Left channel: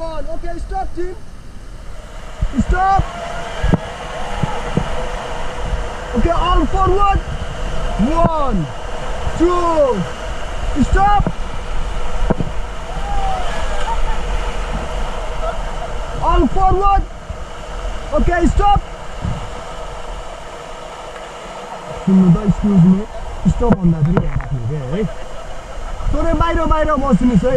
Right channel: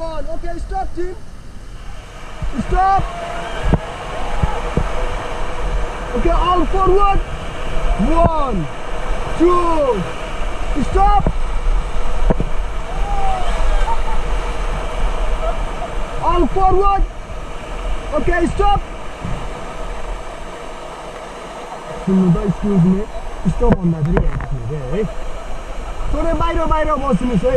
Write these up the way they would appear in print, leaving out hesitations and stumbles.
1. Okay, stop, team. Stop. Okay, all forward. 1, 2. Stop. All forward. Okay, stop. Excuse me. Stop on that. थोरै बाहिर बस्नुस् है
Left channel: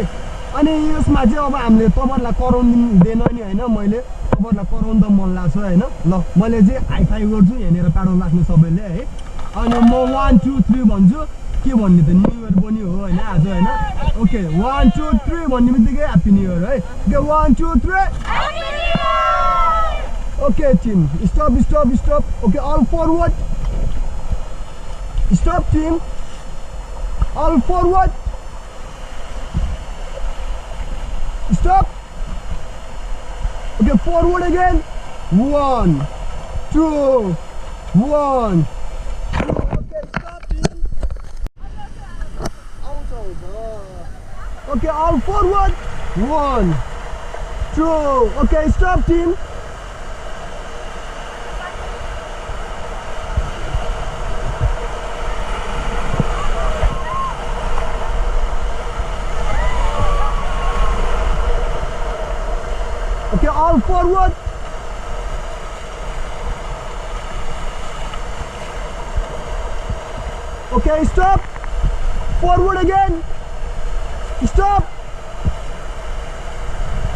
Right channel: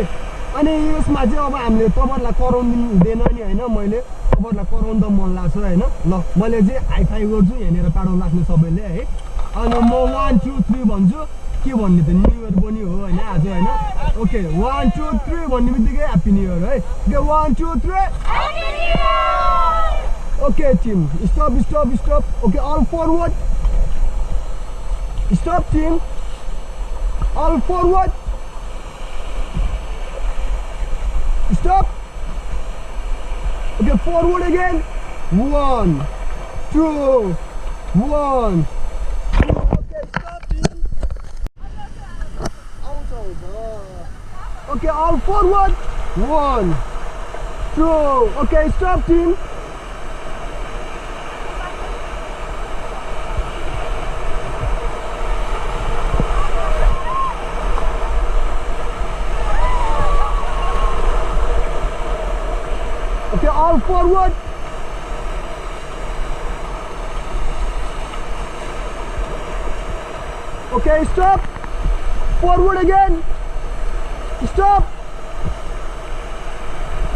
अनि यसमा चाहिँ अब हामीले तपाईहरुलाई कराउनु दिदैन नि हैन मैले तपाईहरुलाई कराउन त मन लाग्छ हैन ल मैले चाहिँ हाई फाइ गर्छु हेनेर प्याडल राख्नु सबैले है अनि म 1 2 3 भन्छु के भन्ने त न्यू इयर पनि हो हैन आज हैन ओके 1 2 3 भन्नेबित्तिकै ह्यापी न्यू इयर है okay 1 2 3 happy new year okay team stop okay all forward stop team all forward Stop. Okay, forward again. 1, 2, 1. Okay, stop, team. Out. Okay, all forward. 1, 2. Okay, stop, team. All forward. Okay, stop. Forward again. Stop.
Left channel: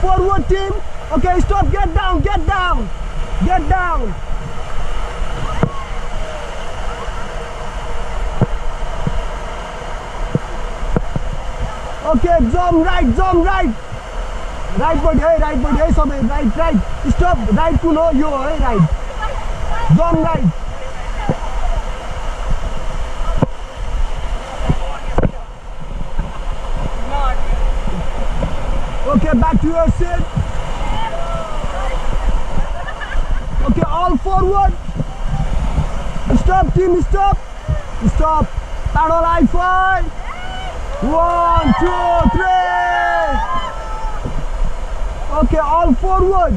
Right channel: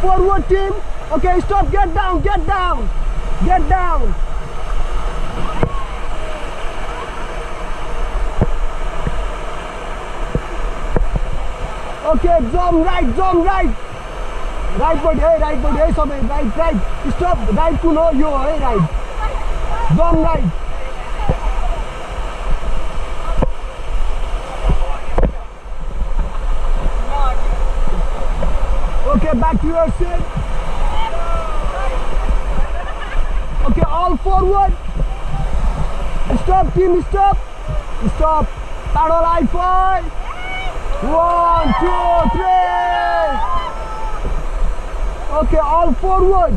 Forward, team. Okay, stop. Get down. Okay, jump right. Right body, सबै right. Stop, right to know यो है right. Jump right. Okay, back to your seat. Okay, all forward. Stop, team, stop. Paddle high five. 1, 2, 3. Okay, all forward.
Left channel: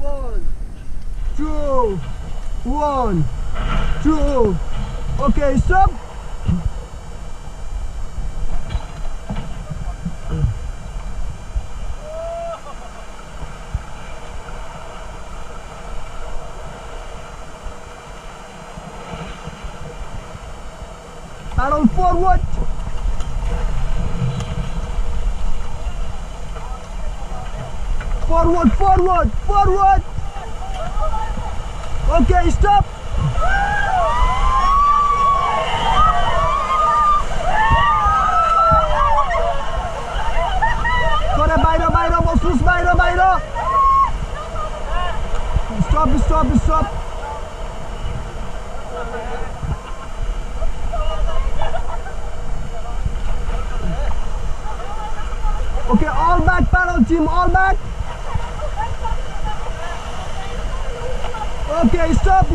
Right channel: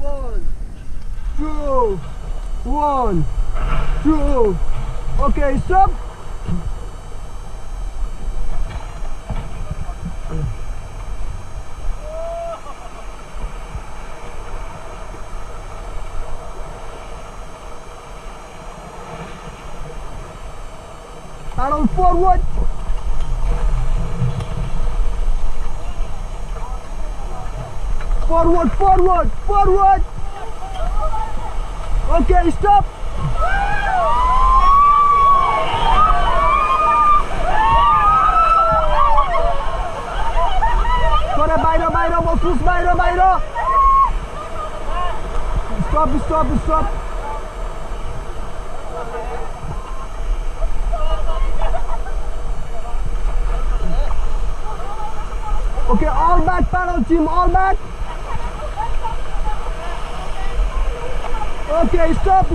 1, 2, 1, 2. Okay, stop. Paddle forward. Forward. Okay, stop. Thora बाहिर बस्नुस् बाहिर. Stop. Okay, all back paddle team, all back. Okay, stop.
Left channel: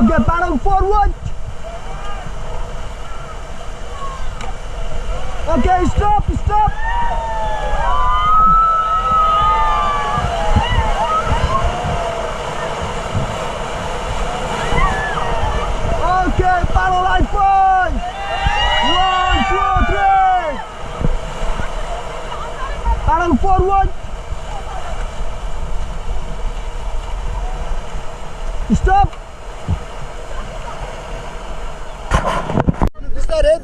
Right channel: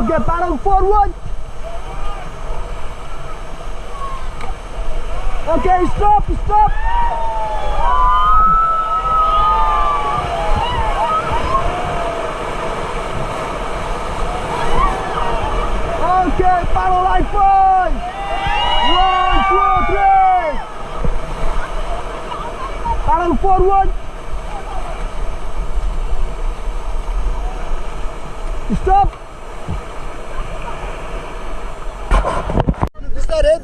Okay, paddle forward. Okay, stop. Okay, paddle high five. 1, 2, 3. Paddle forward. Stop.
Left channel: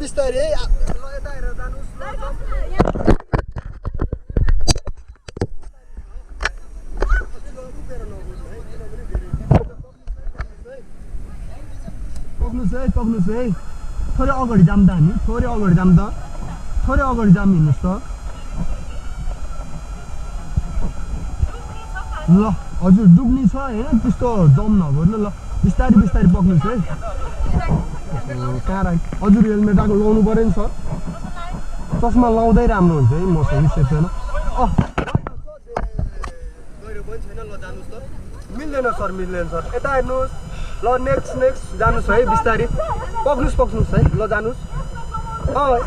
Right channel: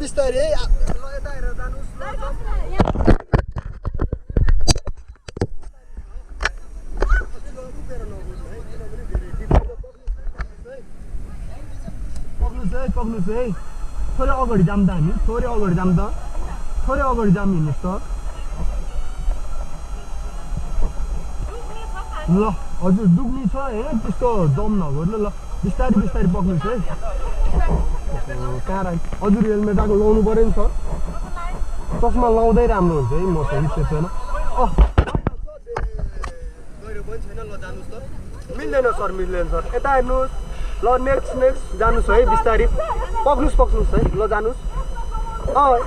बिस्तारै ल यता हेरेर जानुस् पक्नुस् है थोरै अगाडि जाम त हामी थोरै अगाडि जाम हिँड्नुस् त ल हजुर डुब्नी छ हैन त्यस्तो जम नगर्नु ल बिस्तारै पक्नुस् है हजुर हेलमेट लाउनु पर्यो नि सर चस्मा लाउँदै राम्रो हुन्छ है मसँग सेसन गहिरो पनि छैन ल जानुस् त मिल्दैन सर यता हेर्नुहोस् ल नेक्स्ट जानुहोस् है बिस्तारी पक्नुस् है ल जानुहोस्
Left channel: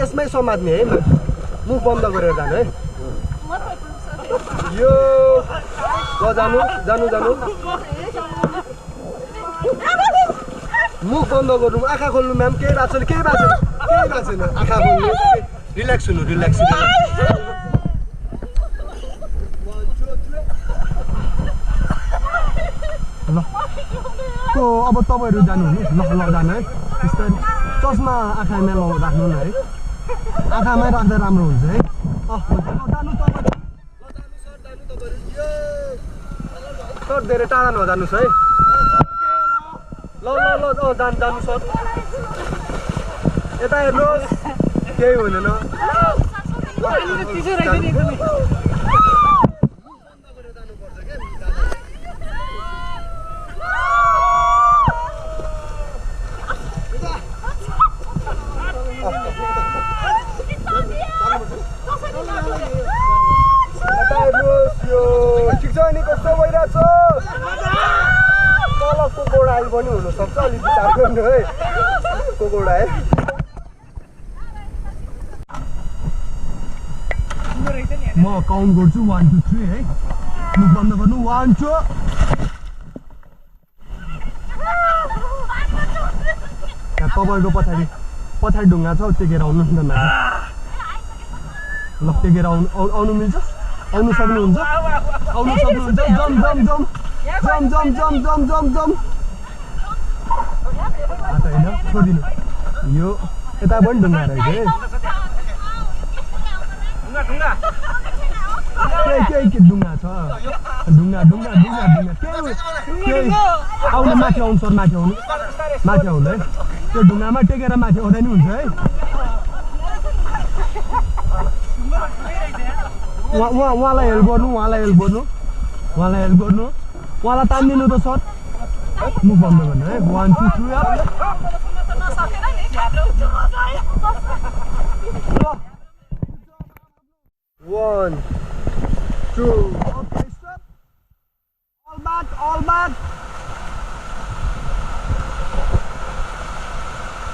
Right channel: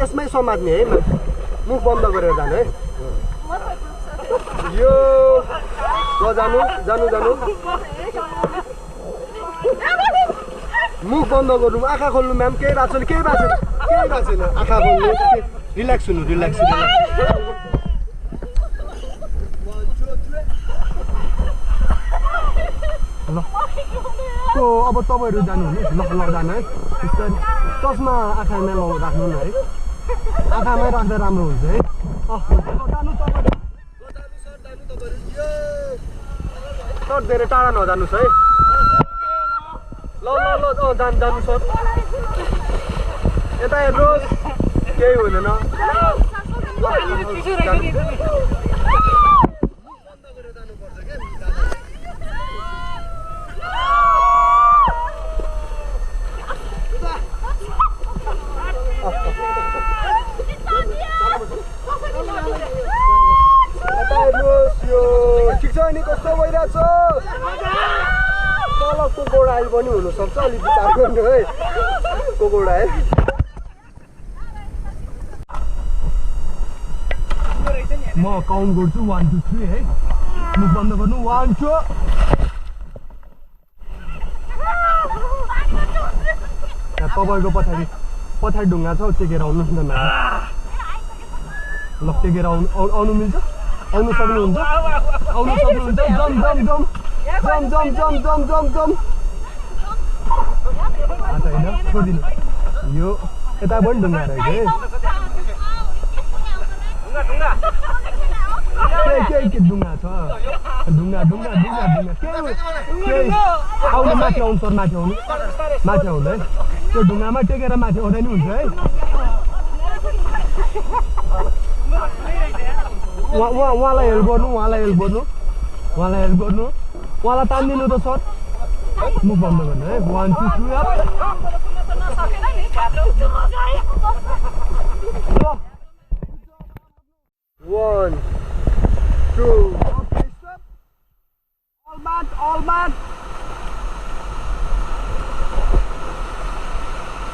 यसमै समात्ने है मुख बन्द गरेर जानु है यो ल जानु मुख बन्द गर्नु आँखा खोल्नु म्याम केही भएको छैन आँखा खोल्नु रिल्याक्स हुनु अब तपाईँहरू जानु जानु है चस्मा आँखामा राख्नु न है आँखामै राख्दा राम्रो हुन्छ है सर धेरै टाढा नजानुहोस् है ल जानु सर यता हेर्नुहोस् केही हुँदैन कस्तो भइरहेछ तल कोकोडाइल पनि हुनसक्छ अलिक विचार गर्नु है कोकोडाइल म काउन्ट गर्छु 1 2 3 है मुख बन्द गर्नु 1 2 तपाईँको पछाडि ढुङ्गा छ टेकेर आउनुहोस् न ल टेकेर आउनु मिल्छ आउनु सक्नुहुन्छ जम यो यता पनि ढुङ्गा रहेछ के ढुङ्गा छ ढुङ्गा आउनु माथि आउनु सर माथि आउनु है त्यो ढुङ्गामा टेकेर माथि आउँदा नि हुन्छ है उहाँलाई हेल्प गर्नु उहाँलाई तान्दिनु त सर मुख बन्द गर्नु है 1 2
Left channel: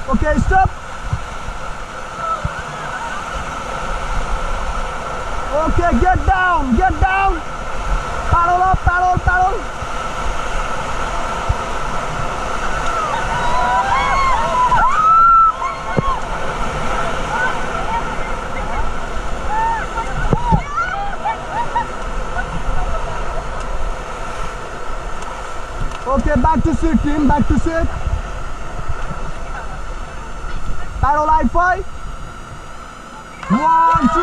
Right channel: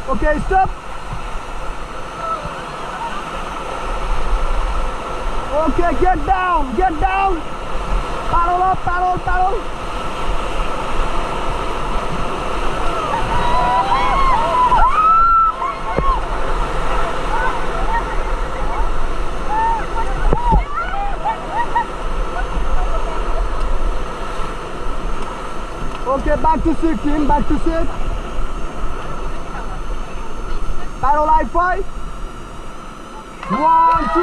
Okay, stop. Okay, get down. Paddle up. Okay, back to sit, team. Paddle like 5. 1 2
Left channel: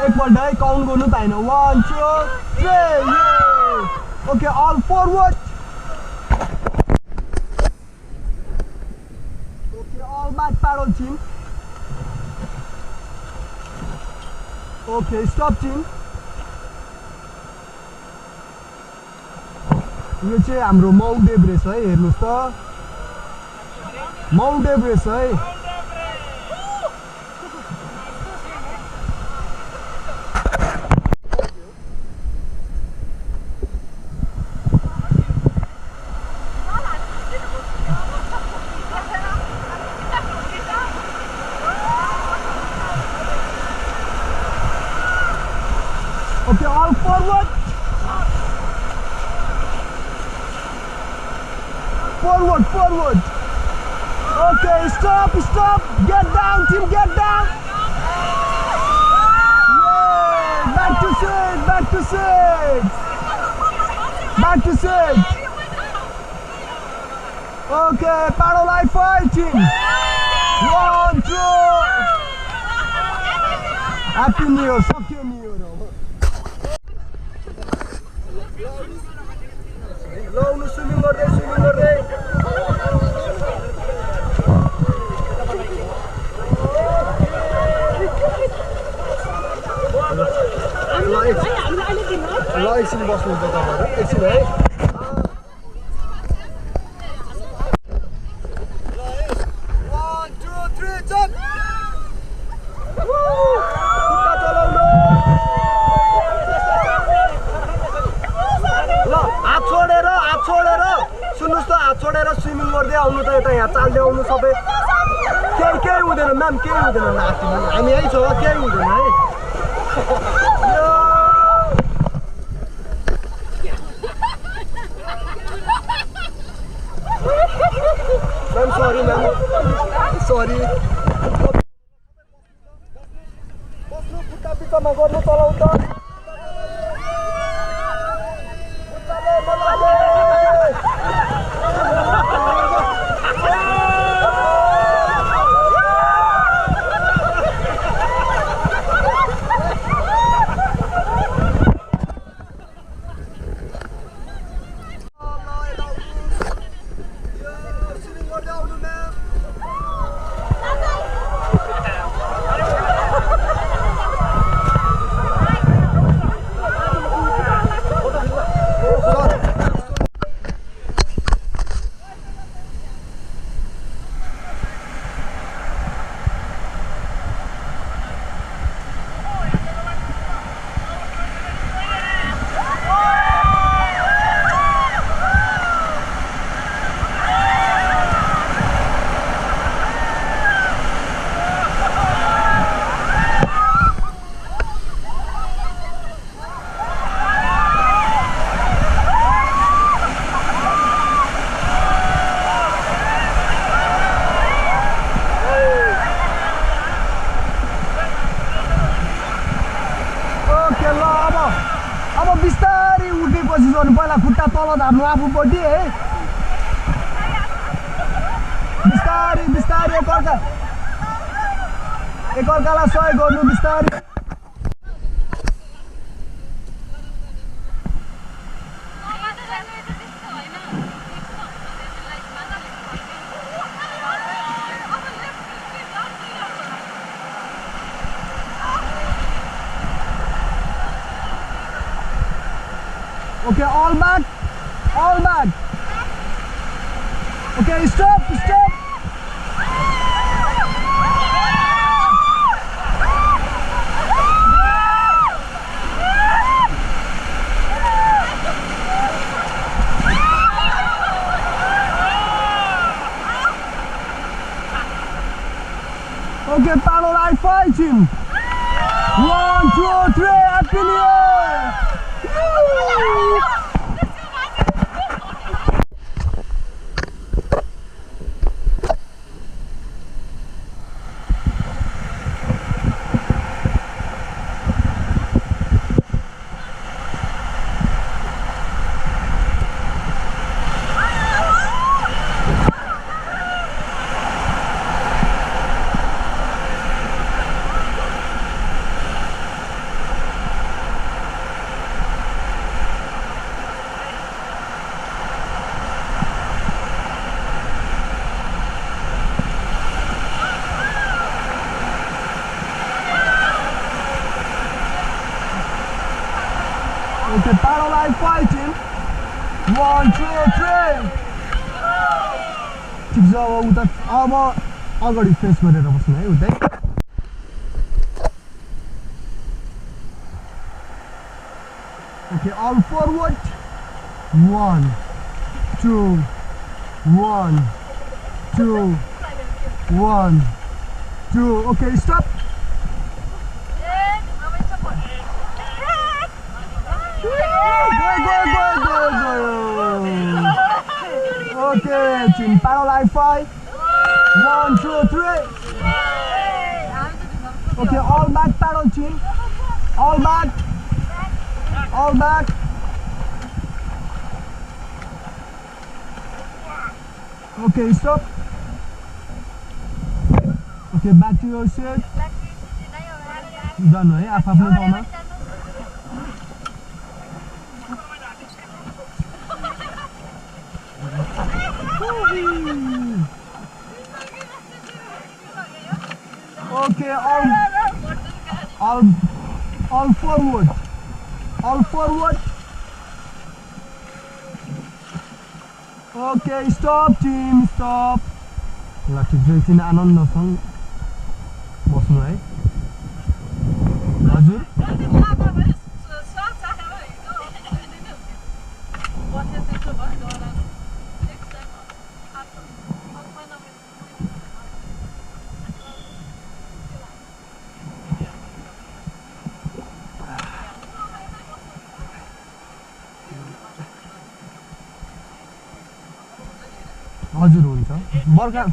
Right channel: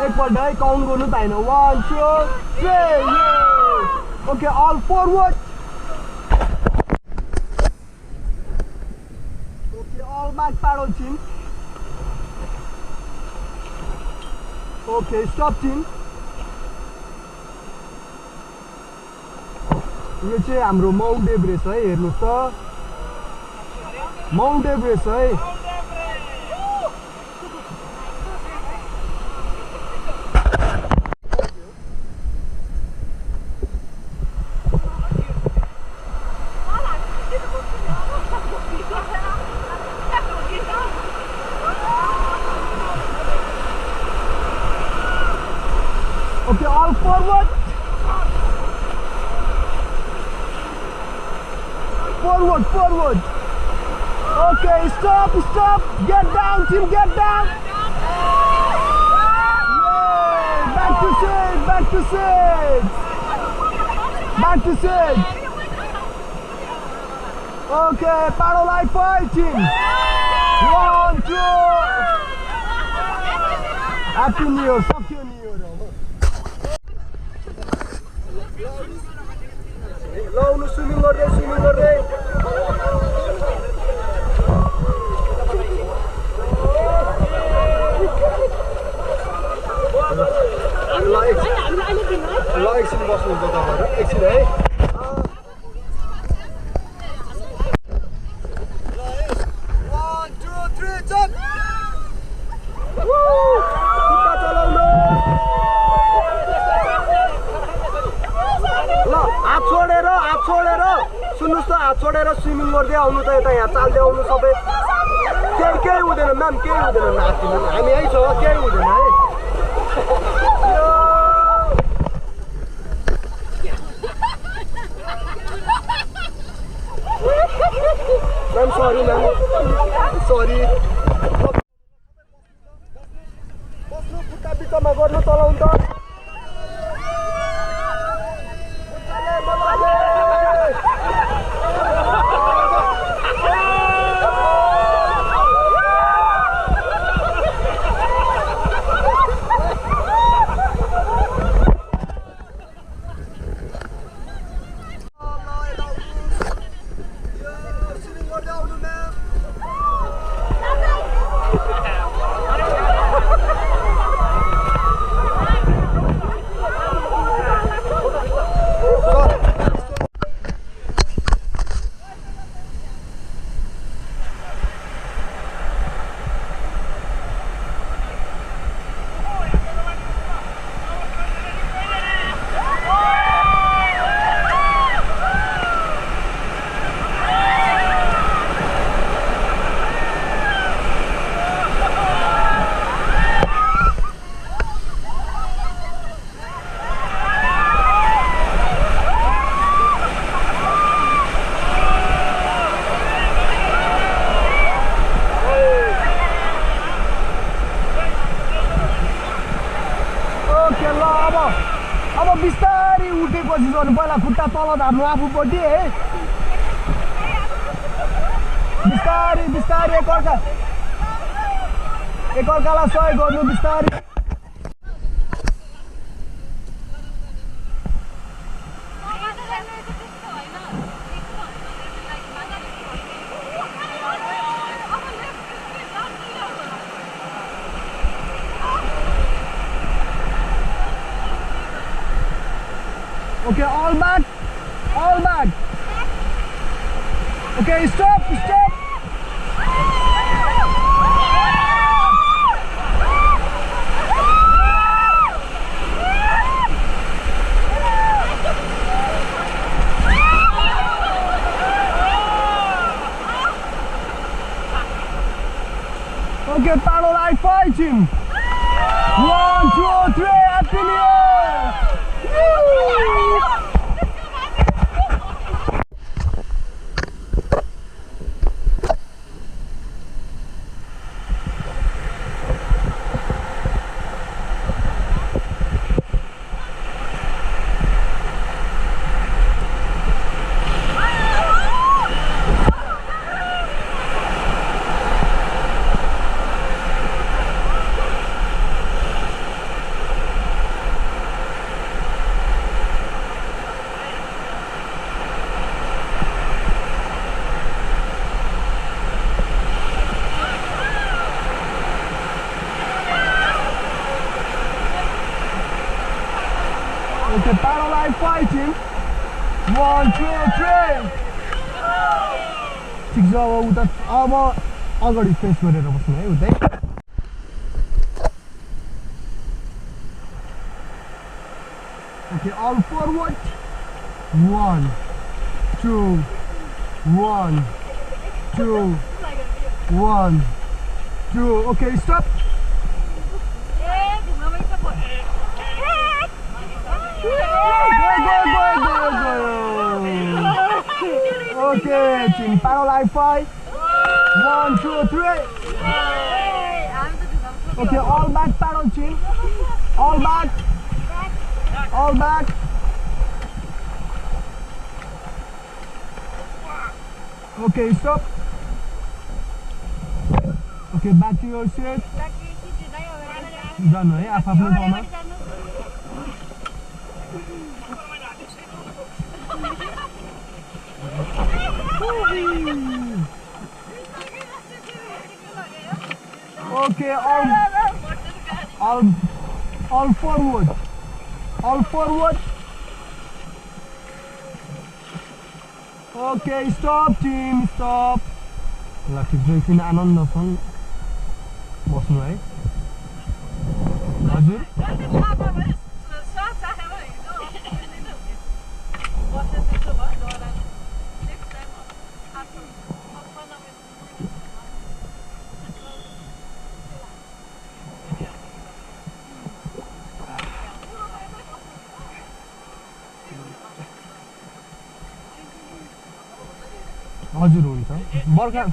एकपल्ट है काउन्ट गर्नु पाएन 1 2 3 okay all forward okay all back paddle team okay stop team यो चाहिँ हाम्रो माउन्ट एभरेस्ट है हेर्नुहोस् त माउन्ट एभरेस्ट है Forward. Okay, stop. Get down, team, get down. Back to sit. Okay, paddle like 5, team. 1 2. Happy New Year. लाउनु swimming गर्दै ल एकछिन बस्नु त तपाईहरु एकछिन है ल 1 2 3 जम्प खुट्टा चलाउनु ल सुन्नुस् त हात छोडेर स्विमिङ गर्दै आउनु त यता यहाँ चाल्दै आउनु सबै केही हुँदैन म्याम केही हुँदैन नातिनु हामी यही छ केही हुँदैन है म्याम सरी म्याम सरी बस्नु खुट्टा बिचमा गर्नु चलाउनु त पहिला खुट्टा तल धार्नु आफूपट्टि है बिस्तारै बिस्तारै एकअर्कालाई सहयोग गर्नु बिस्तारै Okay, all back. Okay, stop. Okay, paddle like fighting. 1, 2, 3, happy new year. Okay, paddle line fighting. 1, 2, 3. ठिक छ उता अब अगाडि फेस गरेर बस्नु है उतै Okay, on forward. 1, 2, 1, 2, 1, 2. Okay, stop. Okay, team paddle line fight. 1, 2, 3. Okay, all back paddle team. All back. Okay, stop. Okay, back to your seat. Done, है आफ्नो ठाउँमा Okay, all forward. Okay, stop team, stop. Lucky Drensin आनन्द छ बस्नु है हजुर हजुर हुन्छ बर्खा